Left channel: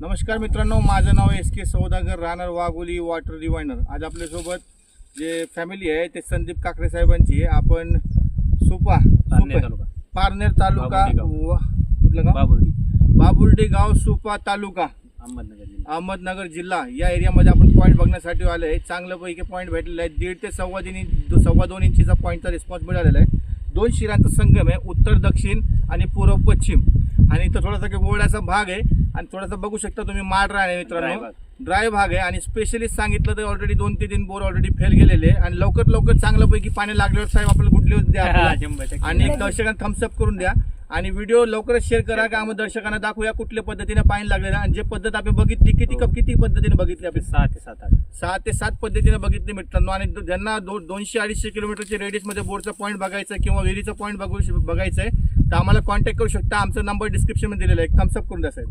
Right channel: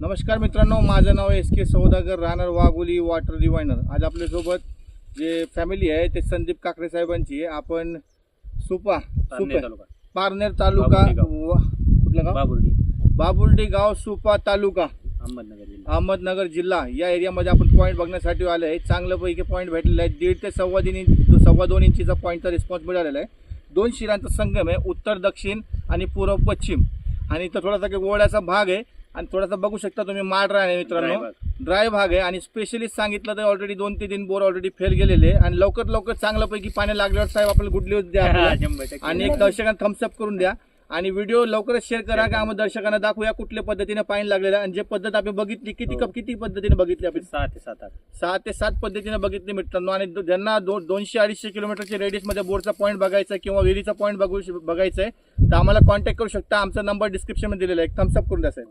नमस्कार मित्रांनो, माझं नाव एस के सौदागर, राहणार वाघोली, वॉटर रिवाइनर. आज आपल्यासोबत जे फॅमिली आहे ते संदीप काकडे साहेबांची आहे. आपण पारनेर तालुका कुठलं गाव? बाबुर्डी गाव, सुपा तालुका, अहमदनगर जिल्हा या एरियामध्ये आपण पॉईंट बघण्यासाठी आले आहे. चांगल्यापैकी पॉईंट भेटलेला आहे. 1.5 ते 2.25 इंचीचा पॉईंटचा रिस्पॉन्स मिळालेला आहे. 2 शिरांचा संगम आहे, उत्तर दक्षिण आणि पूर्व पश्चिम. आणि इथं थोडासा गोळ्याचा भाग आहे आणि थोडासा बघू शकता तुम्ही माड राहणे मित्रांनो, ड्राय भाग आहे. आणि स्पेशली सांगितलं तर ऑलरेडी 2 ते 3 बोर ऑलरेडी फेल गेलेले आणि लवकर चांगल्यापैकी पाणी लागल्यावर साहेब आपल्याला गुड न्यूज द्या आणि दर्शकांना थम्सअप करून द्या. आणि व्हिडिओ लवकरच शेअर करा की आम्ही दर्शकांना दाखवूया कुठल्या पद्धतीने पाणी लागलेलं आणि जे पद्धत आपण बघितली किती पद्धतीने बघितली आपण 6 ते 7 पद्धतीने बघितली मित्रांनो. आणि ज्यांना 200-250 किलोमीटरच्या रेडियस मध्ये बोरचा पॉईंट बघायचा किंवा विहिरीचा पॉईंट बघायचा आहे तर आम्हाला कॉन्टॅक्ट करू शकता. आमचा नंबर डिस्क्रिप्शन मध्ये दिलेला आहे. थम्सअप करून द्या साहेब.